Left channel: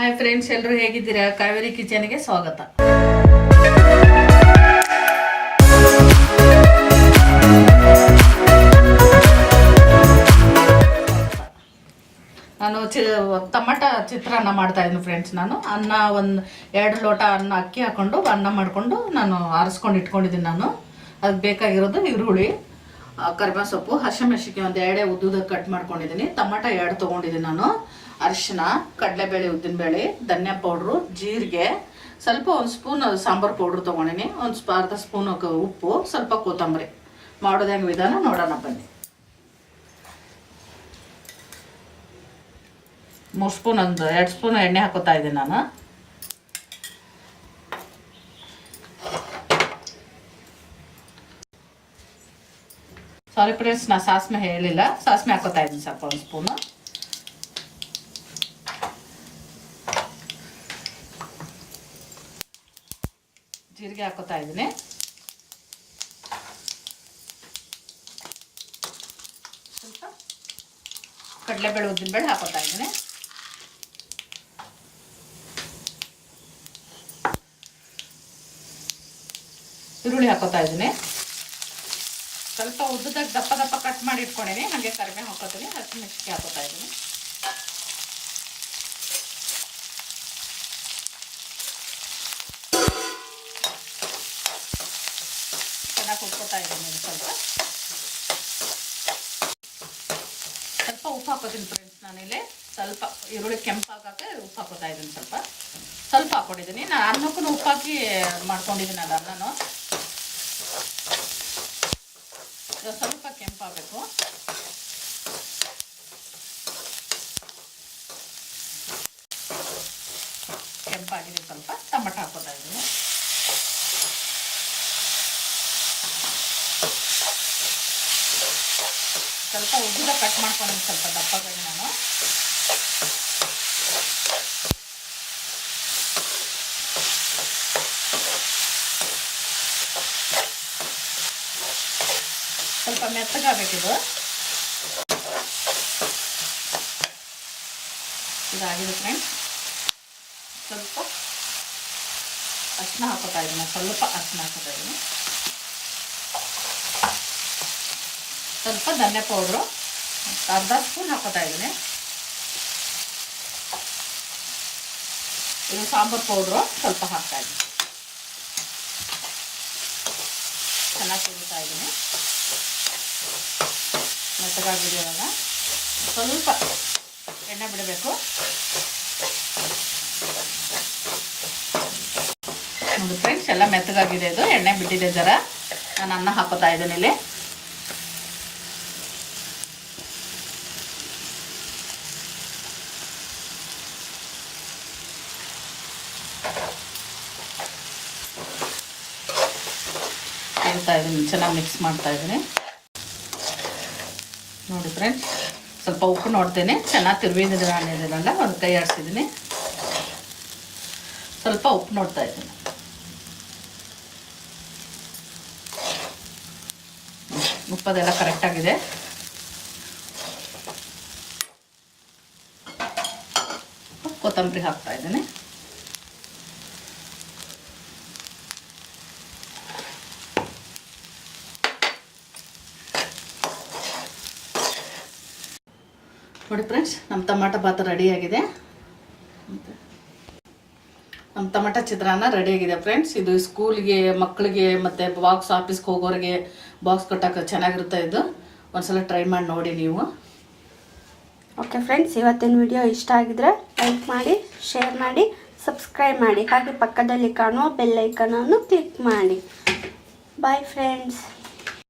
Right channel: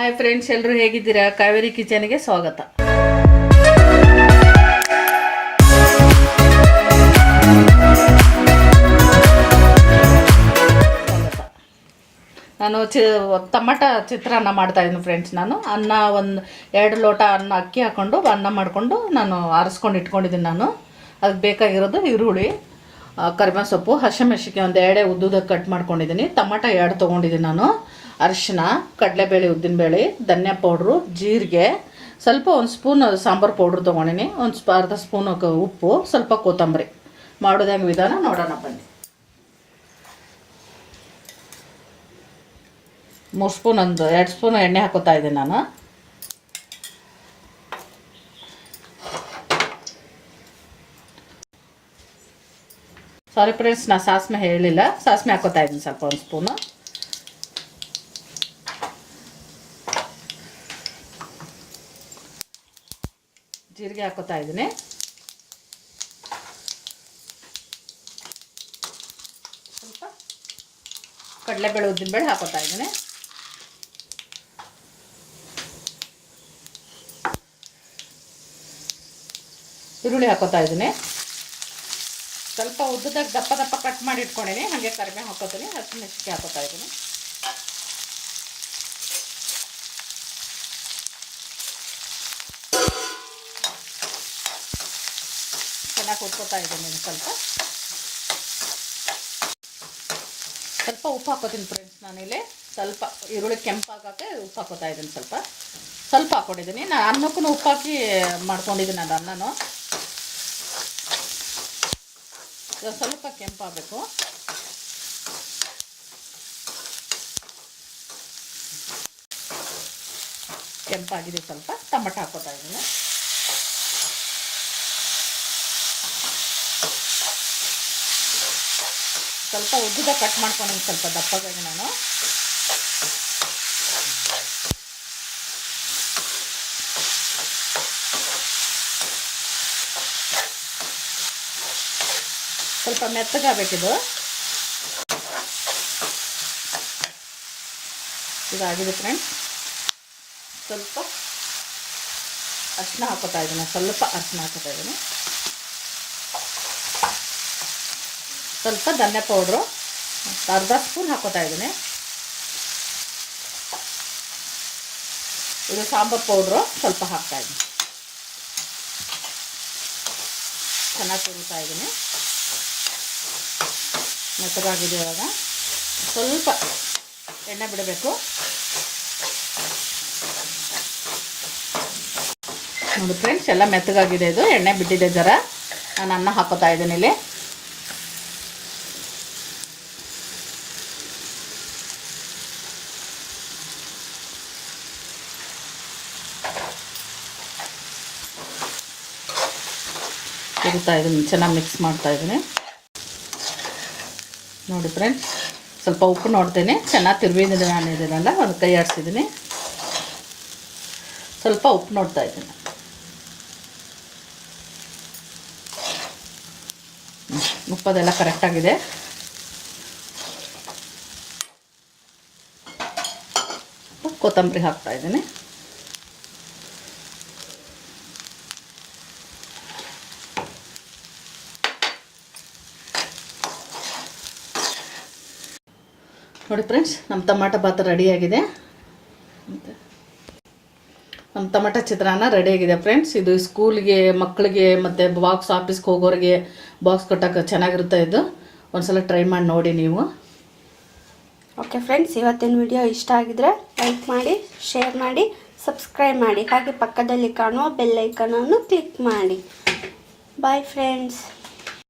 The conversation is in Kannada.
ಹಾಯ್ ಫ್ರೆಂಡ್ಸ್, ಎಲ್ಲರೂ ಹೇಗಿದ್ದೀರಾ? ಕಾವೇರಿ ಕಿಚನ್ಗೆ ಸ್ವಾಗತ. ನಾನು ಟೊಮಟ ಚಿತ್ರಾನ್ನ ಮಾಡ್ತಾ ಇದ್ದೀನಿ ಫ್ರೆಂಡ್ಸ್. ನಾನು ಅನ್ನ ಒಂದು 2 ಲೋಟ ಅನ್ನ ಅಕ್ಕಿ ಹಾಕೊಂಡು ಅನ್ನ ಮಾಡಿಕೊಂಡು ನಾನು ಆರಿಸ್ಕೊಂಡು ಇಟ್ಕೊಂಡಿದ್ದೀನಿ. ನಾನು ಅದಕ್ಕೆ ಬೇಕಾಗಿರೋದು ಈರುಳ್ಳಿ, ಕರಿಬೇವು ಸೊಪ್ಪು, ಹಸಿಮೆಣಸಿನಕಾಯಿ ಒಂದು 2 ಉದ್ದುದಕ್ಕೆ ಕಟ್ ಮಾಡ್ಕೊಂಡಿದ್ದೀನಿ, ಟೊಮಟ 2 ತೊಗೊಂಡಿದ್ದೀನಿ ನಾನು, ಅರಿಶಿನ, ಕಡಲೆಬೇಳೆ, ಉದ್ದಿನಬೇಳೆ, ಧನಿಯಾ ಪೌಡ್ರು, ಜೀರಿಗೆ, ಸ್ವಲ್ಪ 1 ಸ್ಪೂನ್ ಸಾಂಬಾರು ಪೌಡ್ರ್ ತೊಗೊಂಡಿನಿ, ಅರ್ಧ ಸ್ಪೂನ್ ಉಪ್ಪು, ಸ್ವಲ್ಪ ಕೊತ್ತಂಬರಿ. ಮಾಡೋದು ಹೆಂಗೆ ವಿಧಾನ ನೋಡೋಣ ಬನ್ನಿ. 3 ಸ್ಪೂನ್ 2 ಸ್ಪೂನ್ ಎಣ್ಣೆ ಹಾಕೋತಾ ಇದ್ದೀನಿ ನಾನು. ಸಾರಿ ಫ್ರೆಂಡ್ಸ್, ನಾ ಸಾಸಿವೆ ಹೇಳಿಲ್ಲ, ಸಾಸಿವೆ ಹಾಕೋತಾ ಇದ್ದೀನಿ ಸ್ವಲ್ಪ 1 ಸ್ಪೂನು. ಜೀರಿಗೆ ಹಾಕೋತಾ ಇದ್ದೀನಿ. ಸ್ವಲ್ಪ ಕಡಲೆಬೇಳೆ, ಉದ್ದಿನಬೇಳೆ ಹಾಕೋತಾ ಇದ್ದೀನಿ. ಈರುಳ್ಳಿ ಹಾಕೋತಾ ಇದ್ದೀನಿ. ಸ್ವಲ್ಪ ಉದ್ದದಾಗಿ ದಪ್ಪ ದಪ್ಪ ಕಟ್ ಮಾಡಿ ಇಟ್ಕೊಂಡಿನಿ, ಹಾಗೆ ಕಡಿಮೆ ಹಾಕೋತೀನಿ. ಹಸಿಮೆಣಸಿನಕಾಯಿ ಹಾಕೋತಾ ಇದ್ದೀನಿ. ಚೆನ್ನಾಗಿ ಹುರ್ಕೋತಾ ಇದ್ದೀನಿ. ಸ್ವಲ್ಪ ಉಪ್ಪು ಹಾಕೋತೀನಿ ಫ್ರೆಂಡ್ಸ್. ನಾನಿಲ್ಲಿ ಸ್ವಲ್ಪ ಈರುಳ್ಳಿ ಕೆಂಪಾಗಕ್ಕೆ ಉಪ್ಪು ಹಾಕೋತಾ ಇದ್ದೀನಿ. ಸ್ವಲ್ಪ ಹಾಕೊಂಡಿದ್ದೀನಿ. ನಾನು ಅನ್ನಕ್ಕೂ ಉಪ್ಪು ಹಾಕಿ ಮಾಡ್ಕೊಂಡಿದ್ದೀನಿ ನಾನು ಅನ್ನನು. ಸ್ವಲ್ಪ ಕೆಂಪಾಗಬೇಕು. ಕೆಂಪಾಗಿದೆ. ಸ್ವಲ್ಪ ಟೊಮಟ ಹಾಕೋತಾ ಇದ್ದೀನಿ. ಸ್ವಲ್ಪ ಉದ್ದಿದ ಕಟ್ ಮಾಡ್ಕೊಂಡಿದ್ದೀನಿ, ಸ್ವಲ್ಪ ದಪ್ಪಗಾಗಿ ನಾನು. ಸ್ವಲ್ಪ ಮೆತ್ತಗಾಗಬೇಕಿದು. ಇದಾಗಿದೆ ಫ್ರೆಂಡ್ಸ್. ಸ್ವಲ್ಪ ಅರಿಶಿನ ಹಾಕೋತಾ ಇದ್ದೀನಿ. ಸ್ವಲ್ಪ ಅರಿಶಿನ ಹಾಕೋತಾ ಇದ್ದೀನಿ. ಸ್ವಲ್ಪ ಧನಿಯಾ ಪೌಡ್ರು ಅರ್ಧ ಸ್ಪೂನ್ ಹಾಕೋತಾ ಇದ್ದೀನಿ. ಇದು ಸಾಂಬಾರು ಪೌಡ್ರು ಸ್ವಲ್ಪ ಹಾಕ್ತಾ ಇದ್ದೀನಿ. ಚೆನ್ನಾಗಿ ತುರಿತಾ ಇದ್ದೀನಿ. ಮೆತ್ತಗಾಗಿದೆ. ಇವಾಗ ಸ್ವಲ್ಪ ಎಣ್ಣೆ ಬಿಡಬೇಕು. ನೋಡಿ ಫ್ರೆಂಡ್ಸ್, ಎಲ್ಲ ಮೆತ್ತಗಾಗಿದೆ. ಇದು ಎಣ್ಣೆ ಬಿಟ್ಟಿದೆ ಜರ. ನಾನು ಅನ್ನ ಹಾಕೋತಾ ಇದ್ದೀನಿ ಇಲ್ಲಿ. ತಿರುಗ್ತಾ ಇದ್ದೀನಿ, ಚೆನ್ನಾಗಿ ಮಿಕ್ಸ್ ಮಾಡ್ತಾ ಇದ್ದೀನಿ. ನೋಡಿ ಫ್ರೆಂಡ್ಸ್, ಸ್ವಲ್ಪ ಉಪ್ಪು ನೋಡ್ತೇನೆ. ಚೆನ್ನಾಗಿ ತಿರುವಿದ ಇದನ್ನೆಲ್ಲ ಒಂದು ಕೈ ಆಡಿಸಿದ್ದೀನಿ. ಸ್ವಲ್ಪ ಉಪ್ಪು ನೋಡ್ತಾ ಇದ್ದೀನಿ. ಉಪ್ಪದೆಲ್ಲ ಕರೆಕ್ಟಾಗಿದೆ. ಕೊತ್ತಂಬರಿ ಹಾಕ್ತಾ ಇದ್ದೀನಿ. ನೋಡಿ ಫ್ರೆಂಡ್ಸ್, ನಮ್ಮ ಟೊಮಾಟೊ ಬಾತ್ ರೆಡಿಯಾಗಿದೆ. ನಮ್ಮ ಟೊಮಾಟೊ ಚಿತ್ರಾನ್ನ ರೆಡಿಯಾಗಿದೆ ಫ್ರೆಂಡ್ಸ್. ಇದು ಸ್ಕೂಲ್ಗೆ, ಮಕ್ಕಳಿಗೆ ಮತ್ತು ಬಾಕ್ಸ್ ಆಫೀಸ್ಗೆ ಹೋಗೋರಿಗೆ ಬಾಕ್ಸ್ ಕೊಟ್ಟಕ್ಕೆ ಚೆನ್ನಾಗಿರುತ್ತೆ. ಇದು ಒಂದ್ಸಲ ಟ್ರೈ ಮಾಡಿ ನೋಡಿ ನೀವು. ಓಕೆ ಫ್ರೆಂಡ್ಸ್, ಇವತ್ತಿನ ವಿಡಿಯೋ ಇಷ್ಟ ಆಗಿದ್ರೆ ಲೈಕ್ ಮಾಡಿ, ಶೇರ್ ಮಾಡಿ, ಸಬ್ಸ್ಕ್ರೈಬ್ ಮಾಡಿ, ಹಾಗೆ ಪಕ್ಕದಲ್ಲಿ ಕಾಣುವ ಬೆಲ್ ಐಕಾನನ್ನು ಕ್ಲಿಕ್ ಮಾಡಿ. Bye friends.